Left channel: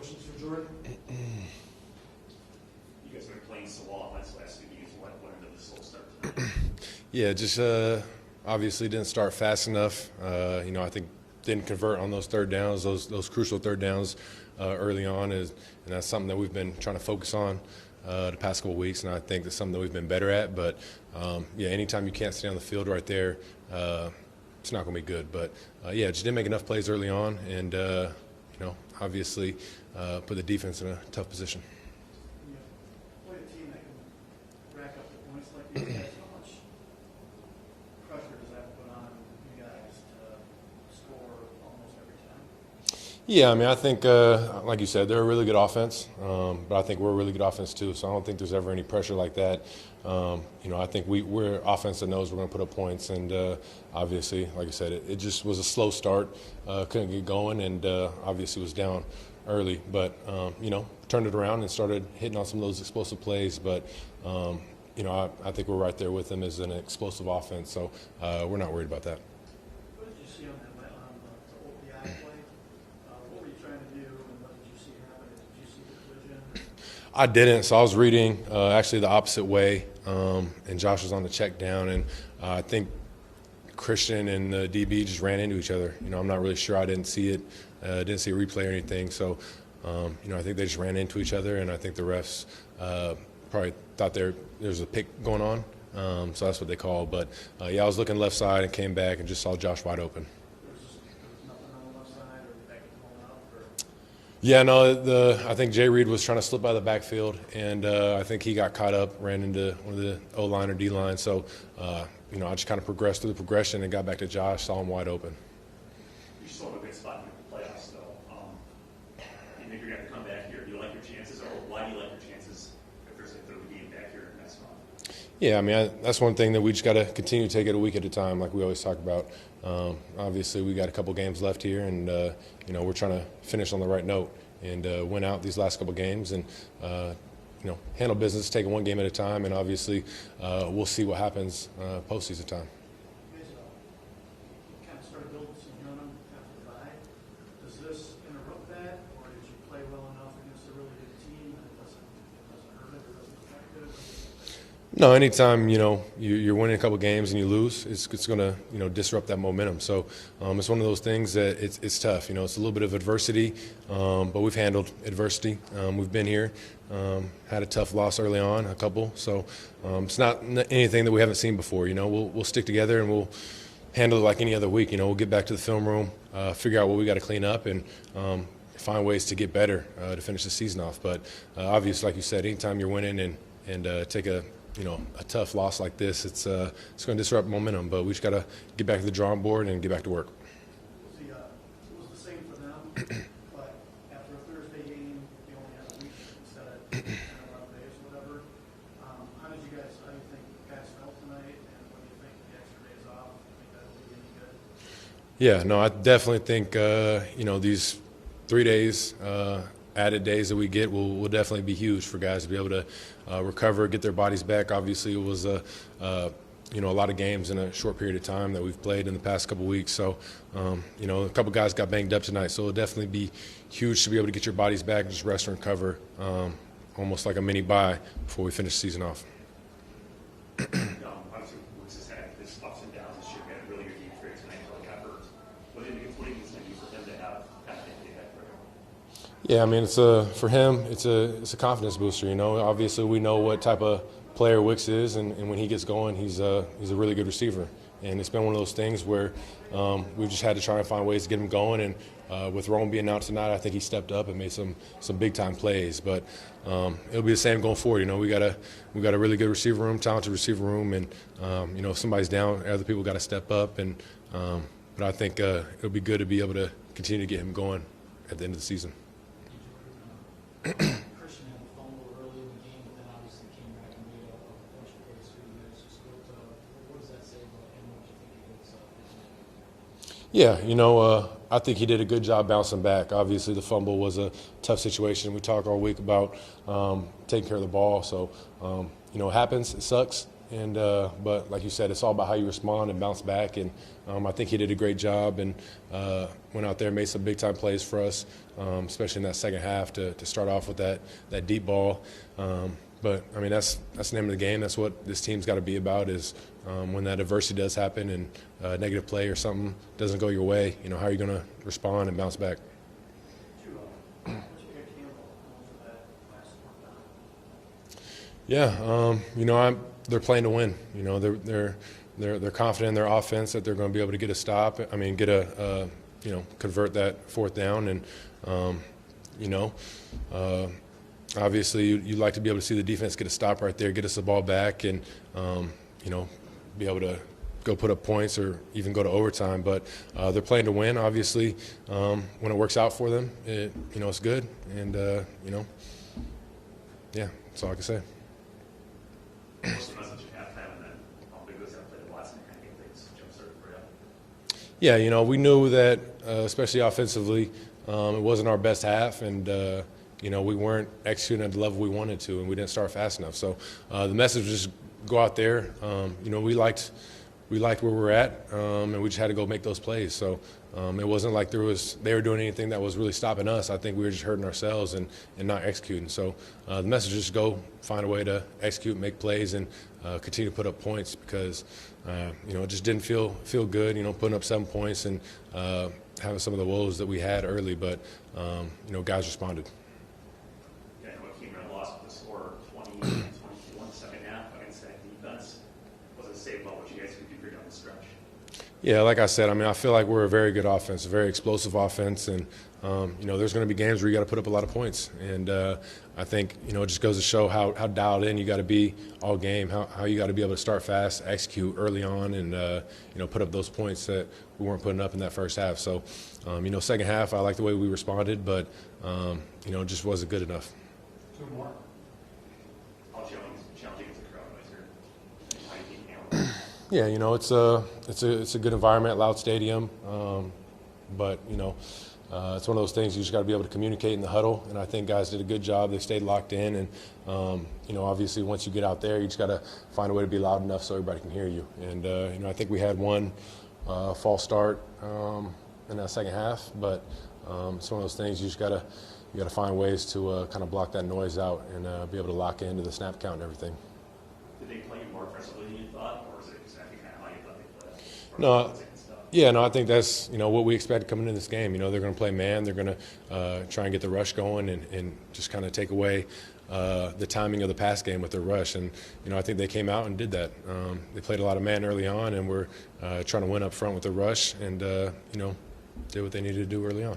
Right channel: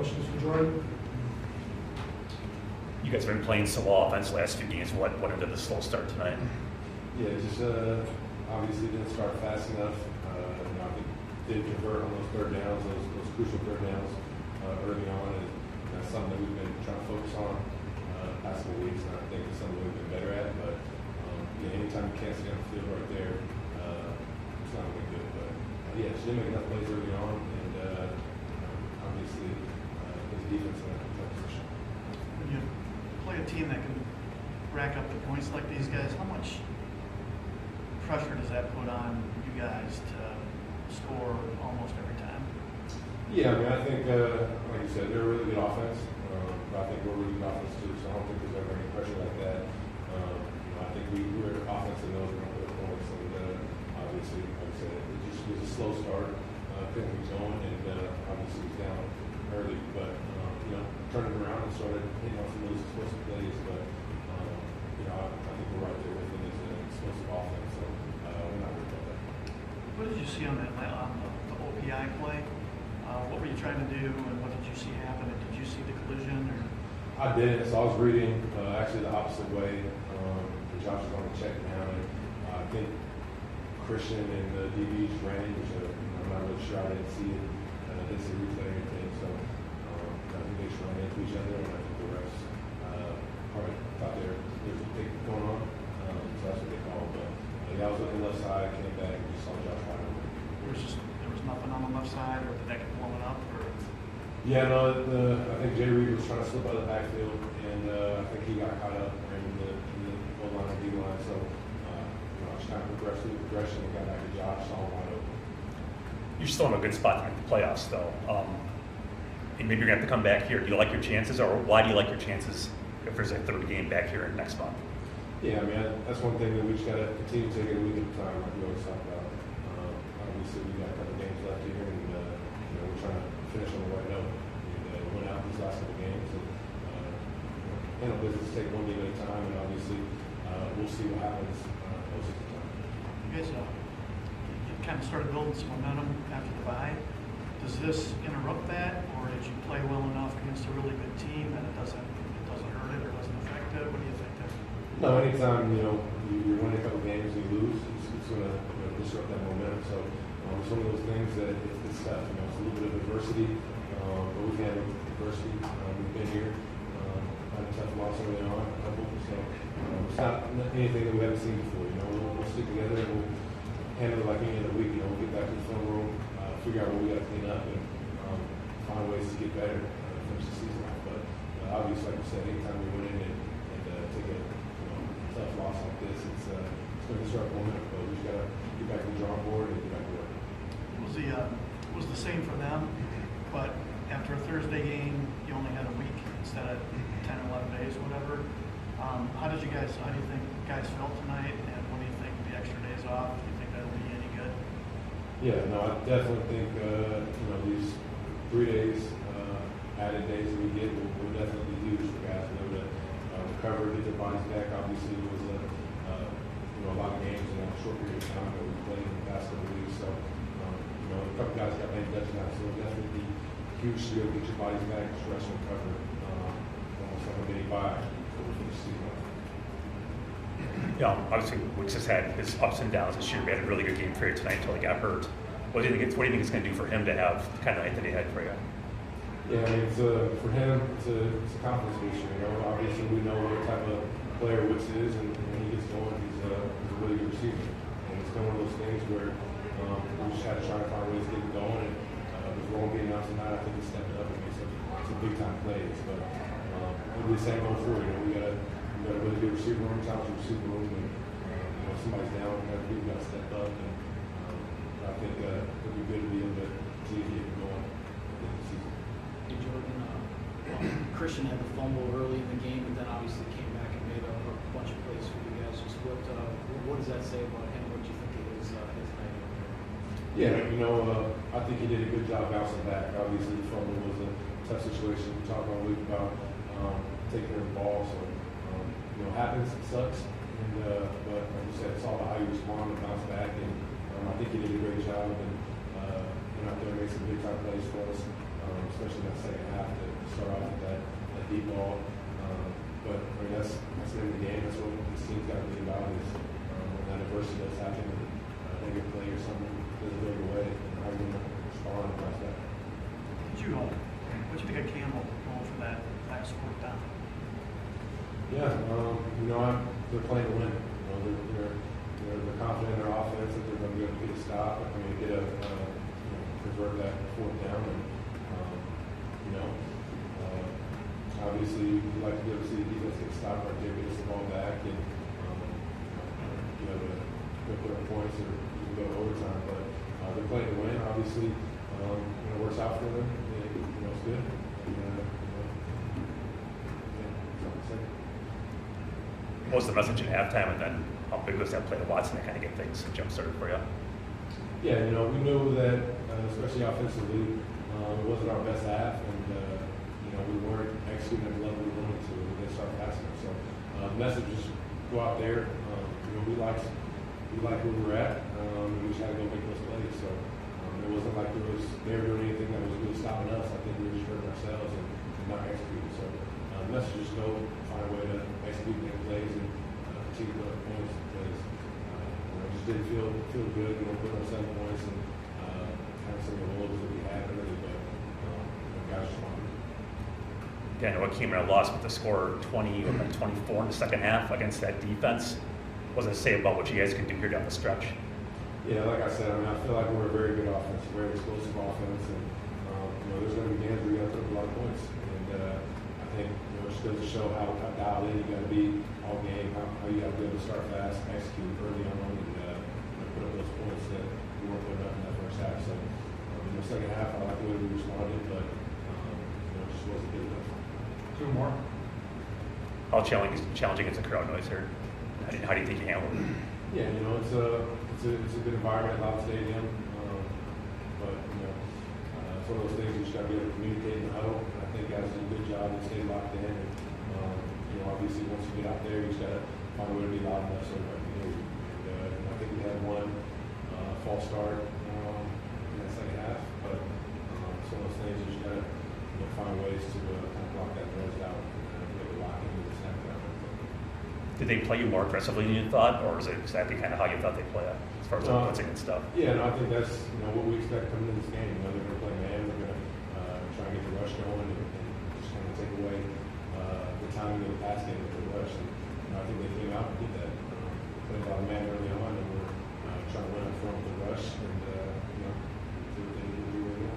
Questions for Jordan? You guys have been playing so well offense the last few games. What ended the slow start tonight? Yeah, just obviously didn't start fast enough. I think didn't convert on those third downs, those crucial third downs early on. And that's something that we've been trying to focus on the past couple of weeks, and I think it's something that we've been better at. But anytime you can't stay on the field right there, it's not going to be good. But just didn't make enough plays early on, and obviously put the defense in a tough position. When you play a team that can rack up the points like these guys, how much pressure does that put on you guys to score almost every time? Yeah, I mean, I think, like you said, they're a really good offense, but I think we're a really good offense too, so I don't think there's ever any pressure like that. I think we're offense that knows we're going to put up points, and obviously, like I said, it just was a slow start, couldn't get going, and obviously was down early, but, turned it around and started hitting on some of those explosive plays, but, I think we're right there with them as an explosive offense, so we're not worried about that. What did you see on the OPI play? What were you trying to do, and what did you see happen? Did you see the collision? Or? I didn't, so I was reading actually the opposite way, and Josh was on the check down, and I think Christian and the DB just ran into each other. I'm not really sure. I didn't see it. Didn't see a replay or anything, so I think they just ran into each other, and I think the refs probably thought there's a pick going on, so that's what they called. But I was looking left side and came back and just saw Josh wide open. There was nothing on the left side, or did that get blown up? Or? Yeah, no. I think Jay Reed was trying to slip by the backfield, and I think he got caught up, ran into the O-line or D-line. So, I just kind of progressed through the progression and got back to Josh, saw him wide open. You're still in a good spot to make the playoffs, though. And maybe you're going to have to come back here. Do you like your chances, or why do you like your chances if there's a third game back here next month? Yeah, I mean, that's one thing that we just got to continue to take it a week at a time, like we always talk about. Obviously, we got a couple games left here, and we're trying to finish on the right note and win out these last couple games, and handle business, take it one game at a time, and obviously we'll see what happens postseason time. You guys, you kind of started building some momentum after the bye. Does this interrupt that, or did you play well enough against a really good team that it doesn't hurt it or doesn't affect it? What do you think? No, anytime you're winning a couple games and you lose, it's going to disrupt that momentum. So it's one of those things that it's tough. It's a little bit of adversity, but we've handled adversity. We've been here, had a tough loss early on, a couple. So it's not anything that we haven't seen before. We'll stick together and we'll handle it like any other week. We'll get back to the film room, figure out what we got to clean up, and find ways to get better to finish the season off. But obviously, like you said, anytime you're winning and take a tough loss like this, it's going to disrupt momentum. But we just got to get back to the drawing board and get back to work. It was the same for them, but after a Thursday game, you only had a week instead of 10, 11 days, whatever. How do you think guys felt tonight, and what do you think of the extra days off? Do you think that'll be any good? Yeah, no, I definitely think these 3 days, added days that we get will definitely be huge for guys to be able to recover, get their bodies back. Obviously, it was a lot of games in a short period of time that we've played in the past couple of weeks. So, a couple guys got banged up tonight, so it'll definitely be huge to be able to get your bodies back, just rest and recover, almost like a mini bye before we finish the season off. Obviously, Wicks has had his ups and downs this year. We had a really good game for you tonight until he got hurt. What do you think it's going to do for him to have the kind of night that he had for you? Yeah, I mean, for him, it's a confidence booster. Obviously we know what type of player Wicks is, and when he gets going, he's a really good receiver. And it's been one of those things where we've just had to try and find ways to get him going. And with Rome being out tonight, I think he stepped up and made some big time plays. But it'll be the same going forward. We got a really good receiver room, talented receiver room, and if somebody's down, other people got to step up. And but I think it'll be good to be able to continue to get him going at the end of the season. Christian had the fumble early in the game, but then obviously came back and made a bunch of plays for you guys. Just what does that say about him? What do you think of his Yeah, I think he did a good job bouncing back. Obviously, the fumble was a tough situation. We talked all week about taking care of the ball. So, it happens. It sucks. And but like you said, it's all about how you respond and bounce back. And I think he did a great job and went out there, made some big time plays for us, especially in that second half to start off with that deep ball. But I mean, that's the name of the game. That's what this team's got to be about. Is when that adversity does happen and a negative play or something doesn't go your way, how are you going to respond and bounce back? What you think of Campbell going for that last fourth down? Yeah, they're playing to win. They're confident in their offense that they're going to be able to get a stop. I mean, convert that fourth down, and obviously you'd like to be able to see the defense get a stop right there, get us the ball back, and be able to go put up points or even go to overtime. But they're playing to win. Obviously, when it works out for them, it's good. And yeah, that's all I can say. What was the message at halftime, and then how big was that play to Watson to kind of get things jump-started for you? Yeah, we knew that, especially offensively, it wasn't our best half, and we weren't executing at the level we wanted to, and we didn't start fast enough. So the message was just go out there. We liked where we're at, and we just had to go make those plays. So it wasn't like they were doing anything that was really stopping us. I think we were just hurting ourselves and not executing. So the message is just go find a way to execute, make plays, and continue to put up points because it just didn't feel good. Putting up 7 points and having some of the woes that we had early, but guys responded. Yeah, I know it came in a loss with the score 20-24 in the second half against that defense. What does it say about what you guys can do here down the stretch? Yeah, like I said, I feel like we're a very good offense, a very explosive offense, and there's going to be games where you got to put up a lot of points, and I think it just goes to show how dialed in you got to be all game, how you got to be able to start fast, execute early on, and put up those points that we weren't putting up in that first half. So, second half, I like the way we responded, but it just wasn't good enough. Two more. How challenging is the crowd noise here? How do you think you handle it? Yeah, it's a good environment, loud stadium, but it's one of those things you just got to be able to communicate in the huddle, and I think guys did a good job. They stayed locked in, and obviously once you get out there, you just got to find a way to be loud enough so everybody can hear you. And I think we had one false start in that second half, but it's one of those things you just got to find ways to kind of block that noise out and be able to lock into the snap count and everything. Did they play you more aggressively than you thought, or is it exactly kind of how you thought they'd play us as far as No. blitzing and stuff? Yeah, no, I think that's what we expect coming into this game. They're going to play man. They're going to try and get the rush going and just kind of take away the timing of the pass game with their rush. And I think they came out and did that. They played a lot of man early on, and we're trying to win up front with the rush, and did what they needed to do early on.